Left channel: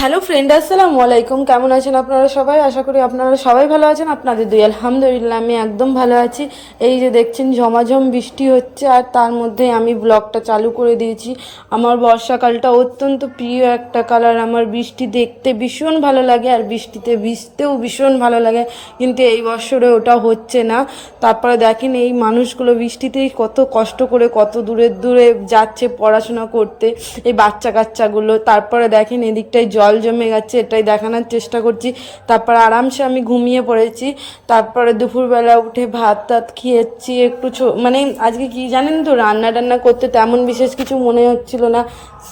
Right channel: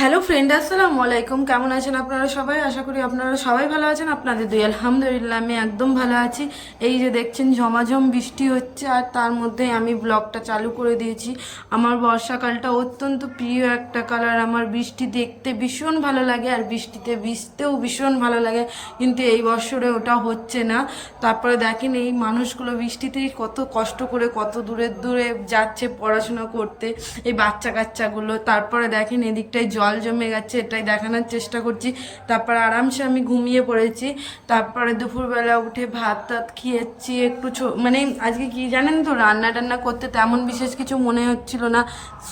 Hello friend আসসালামু আলাইকুম। কেমন আছেন আপনারা সবাই? আশা করি আপনারা সবাই ভালো আছেন। আপনাদের দুই, আলহামদুলিল্লাহ, আমি একদম ভালো আছি। এই যে দেখছেন, ঝমাঝম বৃষ্টি হচ্ছে আর তার মধ্যে আমি ব্লগটা চালু করে দিয়েছি। আমার বর্ষাকালটা অত্যন্ত প্রিয় একটা কালার। আমার বৃষ্টি দেখতে ভীষণ ভালো লাগে আর বৃষ্টিতে ভিজতেও ভীষণ ভালো লাগে। কিন্তু এই বছরে ওটা হচ্ছে না। তারপরে দেখেন, এই মানুষগুলো বৃষ্টিতেই কত কষ্ট করে, কত দূরে দূরে যাচ্ছে পড়াশোনা করতে। এই বাচ্চা কাচ্চাগুলো তারপরে দেখেন, এদিকটায় জল জমে গেছে, এটাই দেখানোর চেষ্টা করছি। তারপর আরামসে আমি ঘুমিয়ে পড়েছি। তারপরে দুপুরবেলা উঠে ভাত টাত খেয়েছি, একটু মানে আজকে কি জানেন তো, রান্না টান্না করতে তেমন বিশেষ কিছু মনে হচ্ছিল না।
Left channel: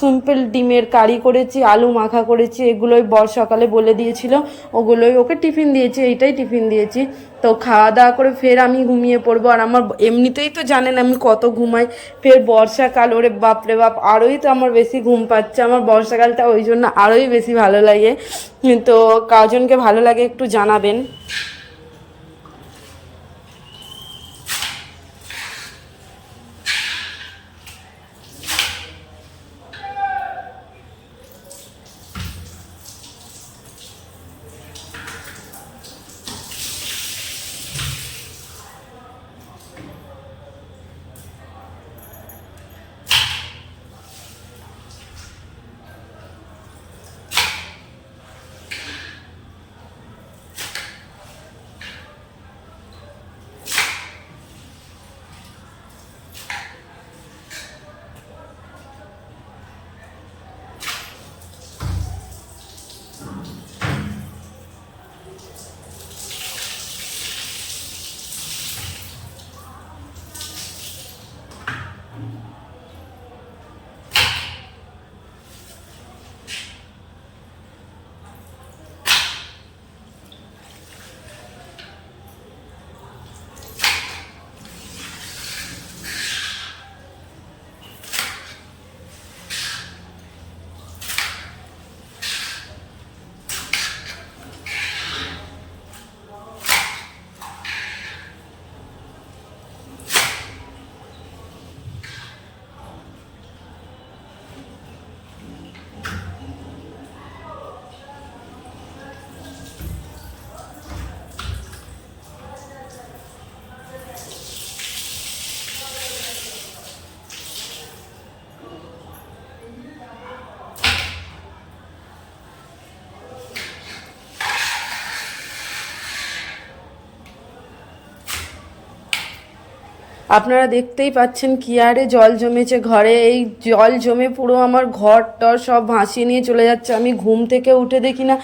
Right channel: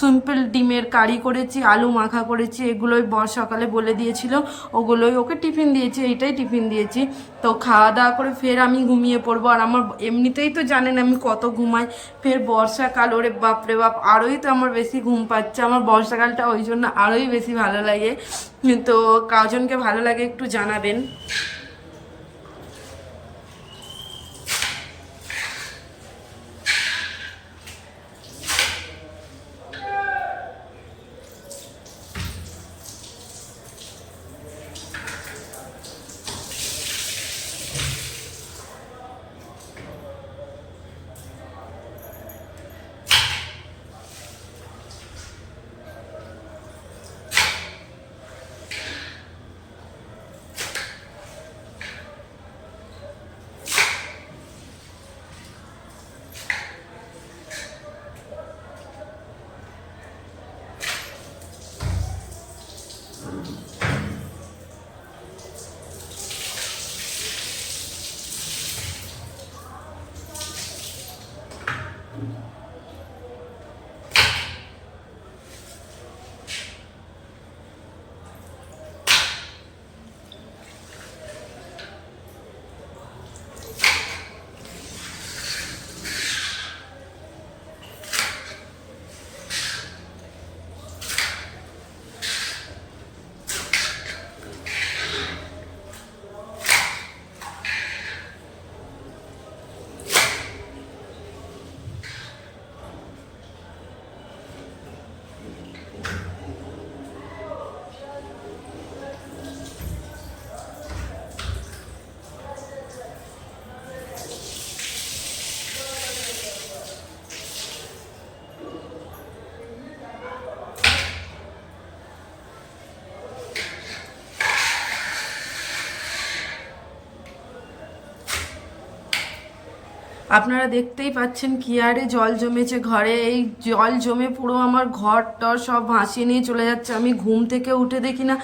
সিম্পল ডিমের কারি করেছি, আলু মাখা করেছি, এগুলোই বর সকালে বলে দিয়েছিল। ওগুলোই ওকে টিফিন দিয়েছি, এইটাই টিফিন দিয়েছি। তো খাওয়া দাওয়া করে ফের আমি ঘুমিয়ে পড়ব। আর আমার এমনিতেই তো জানেন আমি কত ঘুমাই। ফের বর্ষাকাল, ওরে বাপরে বাপ, আরোই তো আমার বেশি ঘুম পাচ্ছে। আমার বর্ষাকালটা ওই জন্য আরোই বেশি ভালো লাগে। তো কাজনকে ভালো লাগে একটু জানাবেন। আপনারা দেখতেই পাচ্ছেন কি আরে জল জমেছে ঘরে। এই জল জমে পুরো আমার ঘর টর সব ভাসিয়ে নিয়ে চলে যাচ্ছে। আমি ঘুম থেকে উঠে দেখি না,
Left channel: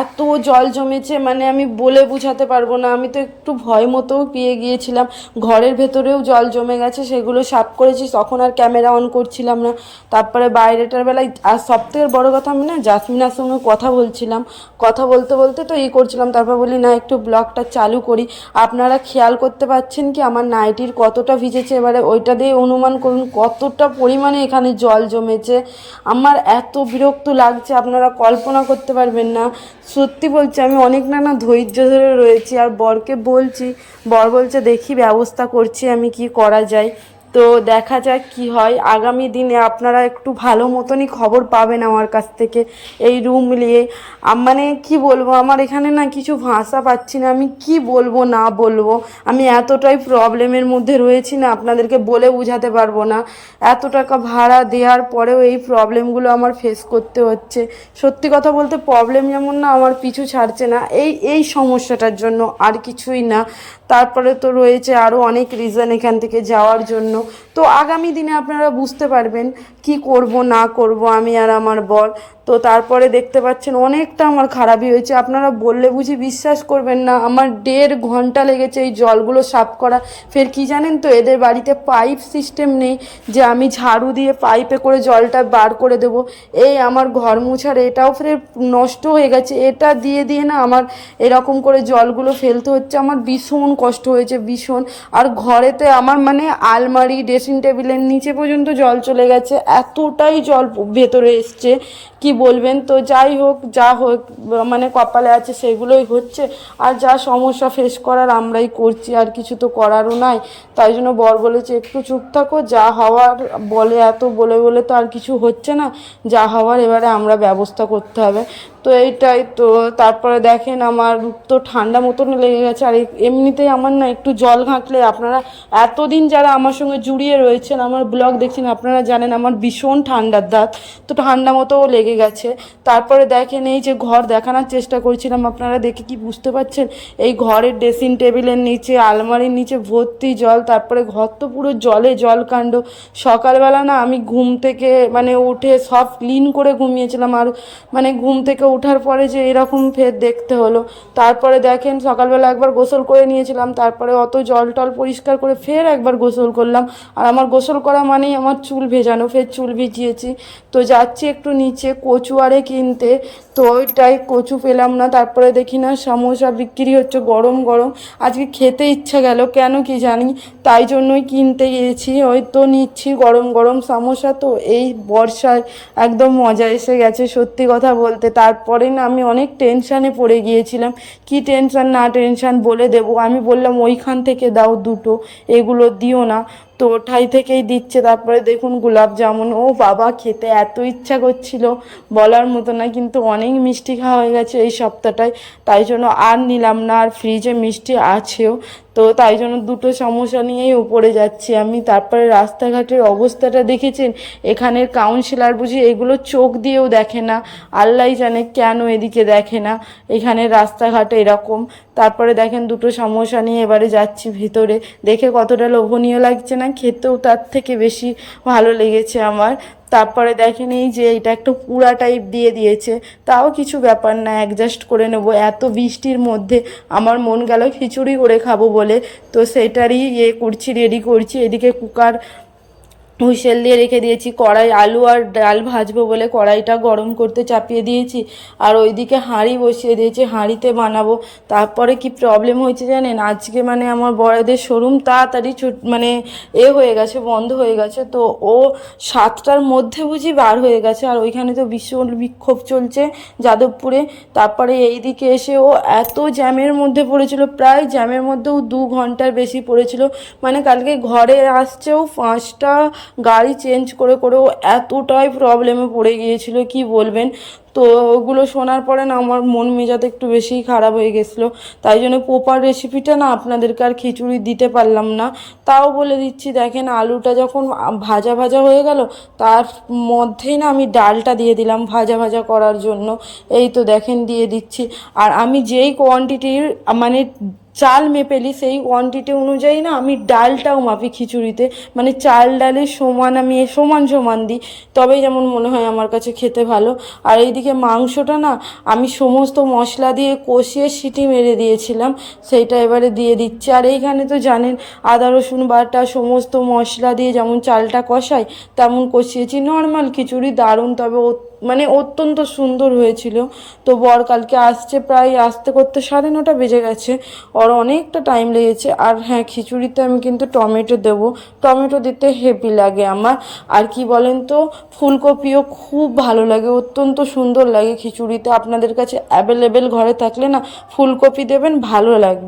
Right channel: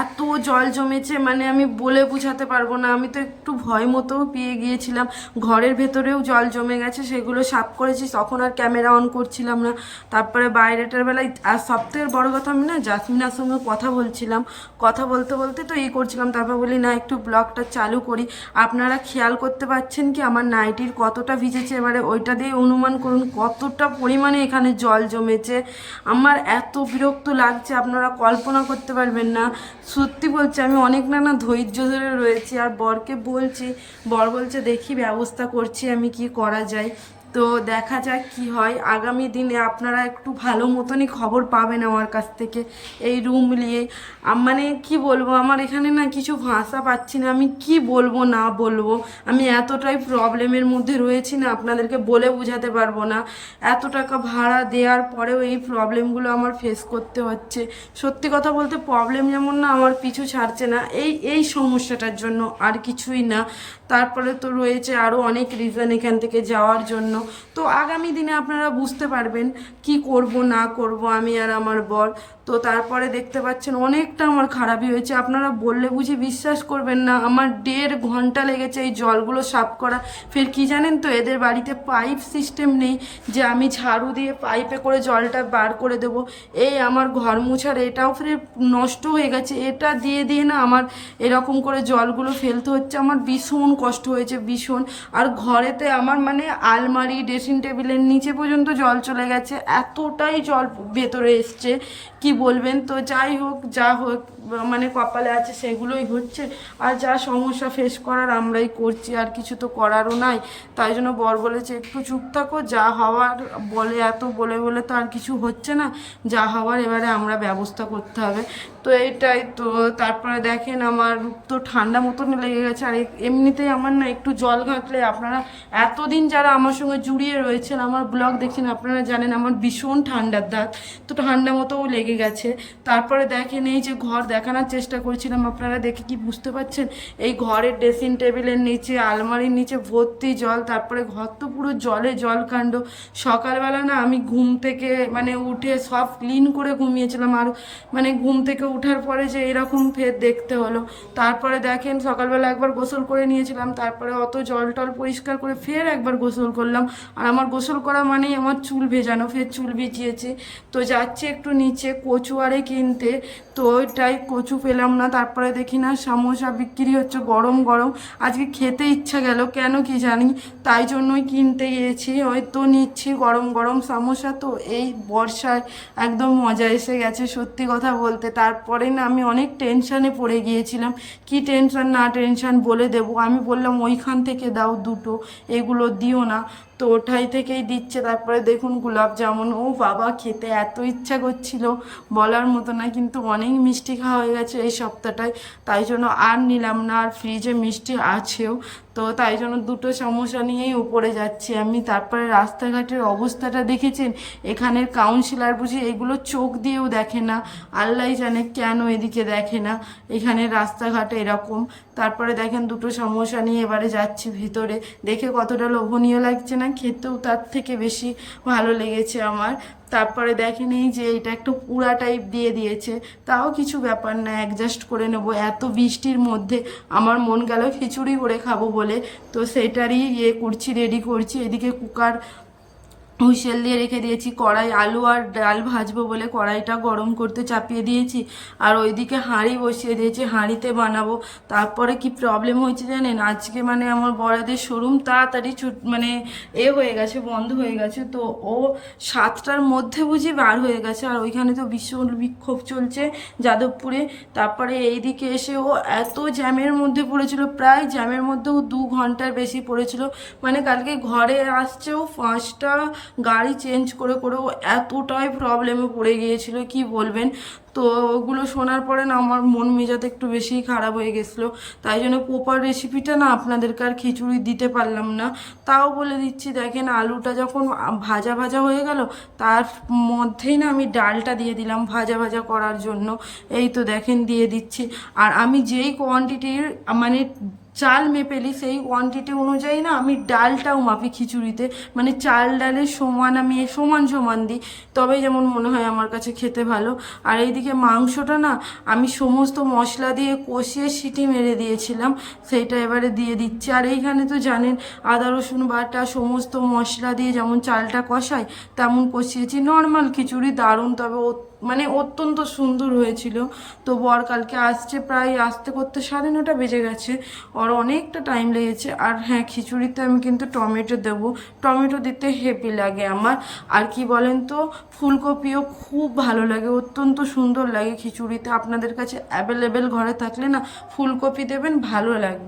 এত জল জমেছে মানে আমি বলে বুঝাতে পারব না। আমি তো একটু ভয় মতোও পেয়ে গিয়েছিলাম। ঘরের ভেতরেও জল জমে গেছে, সেগুলো সাফ করেছি, তখন আর ক্যামেরা অন করছিলাম না। তারপরে বাইরেটার বেলায়, আর সব থেকে বড়ো কথা আমি না জাসমিনার সঙ্গে কথা বলছিলাম। কথা বলতে বলতে তো ই করছিলাম, তারপর বলি, না, একটু ব্লগটা চালু করি। আপনারা খেয়াল করতে পারছেন কি আমার নাইটির কতটা ভিজেছে, এবারে ওইটা দিয়ে অনুমান করুন কতটা পরিমাণে এখানে জল জমেছে। আমার এত বিরক্ত লাগছে, আপনারা কল্পনা করতে পারবেন না। সত্যি বলছি, আমি অনেক নানা ধৈর্য ধরে রয়েছি, আর বরকে বলছি, বর বলছে, দেখি ব্যবস্থা করছি আমি, কি করা যায়। তো দেখা যাক কি হয়। আগামী দিনে আপনারা একটু ভালো মতনই খবর পাবেন আমার কাছ থেকে এই রুম নিয়ে। মানে কি বলব, আমার এখানে না কিছু ভাষা পাচ্ছি না। আমি কি বলব, না বলব? আমি এতটাই প্রবলেমের মধ্যে রয়েছি না, আপনাদেরকে বলে বোঝাতে পারব না। এত টাকা ভাড়া দেওয়ার পরেও এই প্রবলেমগুলো আমার ফেস করতে হচ্ছে। সত্যি কথা বলতে প্রবলেম যেমন না আমার পিছু ছাড়ছে না। এই এই সমস্যাটার জন্য আর কিছুই না। তারপরে তো রয়েছে আরও অনেক রিজন এখান থেকে যাওয়ার জন্য। তো আগামী দিনে আপনারা বুঝতে পারবেন কি করব না করব আমি আর আমার বর। তো তারপরে দেখতে পাচ্ছেন অনেকটা আমার খারাপই হয়েছে। আপনারা বললে বুঝি বিশ্বাস করবেন না, আমার দেড় ঘণ্টা লেগেছে এই জলগুলো সাফ করা। ফের কি জানেন তো, এদের বাড়িতে পাইপ সিস্টেম নেই যে আমি ঝাড়ু দিয়ে পাইপে করে জলটা বার করে দেব। এই আমার ঘর মুছার, এটাও ফের নষ্ট হয়ে গেছে। এটা দিয়ে দিয়ে না আমার এরকম করে জলগুলো ফেলতে হচ্ছে। আমার ভীষণ কষ্ট হয়েছে, ভীষণ। আর ঘরেতে আমার মানে আলমারি, ড্রেসিং টেবিলের নিচে পর্যন্ত জল চলে গেছে। এতটাই জল ভেতরে এসছে কি বলবেন? তো যাই হোক, যা হোক মানে কপালে আছে সেগুলোই হচ্ছে আর যা সমস্যা ফেস করার আমরাই করছি, আর কিছু তো করারও নাই। তাই জন্য বর বলেছে, একটু চুপ থাকো, যা হওয়ার বলে এত, বলে বলে তো আর কিছু হচ্ছে না। যা হওয়ার এবারে আমরা ব্যবস্থা করতে হবে। তো এইটাই তো, তারপরে দেখেন আমার তো ঠান্ডা মতন লেগে গেছে, আর এমনিতেই আমার না একটু জল ঘাঁটলে আপনারা এতদিন যারা আমার সঙ্গে জুড়িয়ে রয়েছেন, আমার ব্লগ দেখছেন, আপনারা জানেন আমার ভীষণ ঠান্ডার দাঁত, তো ঠান্ডা মতোও লেগে গেছে। তারপরে দেখেন এই যে ঘর দেখানোর চেষ্টা করছিলাম, আপনারা দেখে কি বুঝতে পারছেন? এই ঘরের ড্রেসিং টেবিলের নিচে, আলমারির নিচে ভর্তি জল, তারপরে ঘর তো পুরো জলে জল কাণ্ড সকালবেলা না আমি ঘুম থেকে মানে উঠে সব ক্লিন করে ঘুমিয়েছিলাম, আর মানে ঘুম থেকে ওঠার পরে যে এরকম ফের দেখতে হলো। তারপরে দেখেন সকালবেলা একবার গোসল করে নিয়েছিলাম, তারপরে অত জল টল পরিষ্কার করে ফের একবার গোসল করলাম। আর আমার গোসল করা মানেই আমার চুল ভেজানো, ফের চুল ভিজিয়েছি। তো যাচ্ছি একটু নিচে কচু আরে কিনতে। তো ওইটাই কচু পেলাম না, তারপরে দেখি না সমোসা বিক্রি হচ্ছে গরম গরম। আজকে খেতে ইচ্ছা গেল, কেন কি জানি। তাই জন্যই কিনতে গিয়েছি, ওই তো নিচ্ছি গরম গরম সমোসা। তো এই বর্ষায় একদম মজা এসে গেছে সত্যি কথা বলতে। তারপরে না আমি অনেক টেনশানে পড়ে গিয়েছিলাম। কি টেনশান না টেনশান বলে দেব? আমি বললাম, ওইখান থেকে দাও দুটো। এগুলো দিও না। তো ওঠাই থেকেই দিচ্ছে। তারপরে দেখুন গোলাপ জামুন। ও বাবা, খেতে এত ইচ্ছা করছিল। বলার মতো না, কিন্তু অনেক মিষ্টি খাওয়া হয়ে গেছে এই সপ্তাহটায়। তাই জন্য আর নিলাম না, আর ফ্রিজে মিষ্টি আছেও। তো তাই জন্য দুটো সমস্যা নিয়েই উপরে যাচ্ছি আমি। তারপরে রাস্তাঘাটের অবস্থাটা দেখেছেন? এখানের কাউন্সিলর বুঝি এগুলো চোখ দিয়েও দেখে না। আল্লাহ জানে কেন এদিকে দেখে না। এখানে রাস্তাঘাটে এরকম। তারপরে দেখেন দুটো সমস্যা নিয়ে এবারে যাচ্ছি ভিতরে। দেখে কতটা লোভনীয় লাগছে না? খেতেও তার থেকে বেশি ভালো লেগেছে আমার। তারপরে দেখেন এই যে এটা একটু পুরা টাইপ দিয়ে দিয়েছে। তাও কিছু ব্যাপার না অ্যাডজাস্ট করে নেব। এত বৃষ্টির মধ্যে আমার মন গেল খিচুড়ি করে খাব বলে। তো সেটারই ইয়ে করছি রেডি করছি। এদিকে কুকার হুইসেল দিয়ে রেখে দিয়েছি, কড়াই আলু আর ডাল ভাজবো বলে কড়াইটা গরম করতে চাপিয়ে দিয়েছি। আর ওইদিকে হাঁড়ি বসিয়ে দিয়েছি, হাঁড়িতে বানাবো। তারপরে কি প্রবলেম হয়েছে জানেন? আজকে মানে আমার বড়দের শোরুম তাড়াতাড়ি ছুট মানে এ হয়ে গেছে, বন্ধ হয়ে গেছে। তো ও সাতটার মধ্যে বুঝি বার হয়ে গেছে। আর ওইখানে তো ভীষণ বিক্ষোভ চলছে যাদবপুরে। তারপরে এইদিকে এসে ও এত জ্যামের মধ্যে পড়েছিল, প্রায় জ্যামের মধ্যেও দু ঘণ্টার বেশি পড়েছিল। মানে কালকে ঘরে আসছেও পাঁচটা গাড়ি চেঞ্জ করে করে ও এতটাই প্রবলেমে পড়ে গিয়েছিল, কি বলবেন? তো ওগুলো শোনার পরে না আমার মন মেজাজ একটু বেশিই খারাপ হয়ে গেছিল। তাই জন্য প্রপার রেসিপিটা না আপনাদেরকে আর খিচুড়ি দিতে পারলাম না। তাও বলে দিচ্ছি, দেখেন আলুটা যখন ভাজা ভাজা হয়ে গেল, তার মধ্যেই না আমি ডালটা দিয়ে দিলাম ভাজা ভাজা করার জন্য। এই তো দেখেন, দিয়ে দিচ্ছি। আর আমি যেই কোয়ান্টিটির মানে চাল মেপেলি সেই কোয়ান্টিটি অনুযায়ী না আমি ডালটাও মাপি খিচুড়িতে। মানে চাল ডালের সমান আমি সমান সমান দিই। তবেই যেমন মনে হয় আমার কাছে খেতে ভালো। আর এইদিকে মাংসটা না আমি সমস্ত মশলা দিয়ে কষিয়ে সিটি মেরে দিয়েছিলাম। সেইটা এবারে দিয়ে দিচ্ছি। আর এইখানে তো জানেন, আদা, রসুন, বাটা সমস্ত মশলা দিয়ে যেমন চালটা কষাই, তেমন কষিয়েছি। নর্মাল খিচুড়ি দারুণ, তবে মানে অত্যন্ত সুন্দর হয়েছিল। তো বর কালকে আসছে প্রায় আসতে করতে সাড়ে নটা বেজে গেছে। ওর অনেকটা টাইম লেগেছে। আর হ্যাঁ খিচুড়িতে আমি কিন্তু টমেটো দেব। টমেটো দিতে হেভি লাগে আমার। আর কি বলেন তো, ফুলকপিও খুব ভালো লাগে, অত্যন্ত সুন্দর লাগে খিচুড়িতে। আপনাদের কাছে অ্যাভেলেবেল ঘরে থাকলে না, ফুলকপি দেবেন, ভালো লাগবে।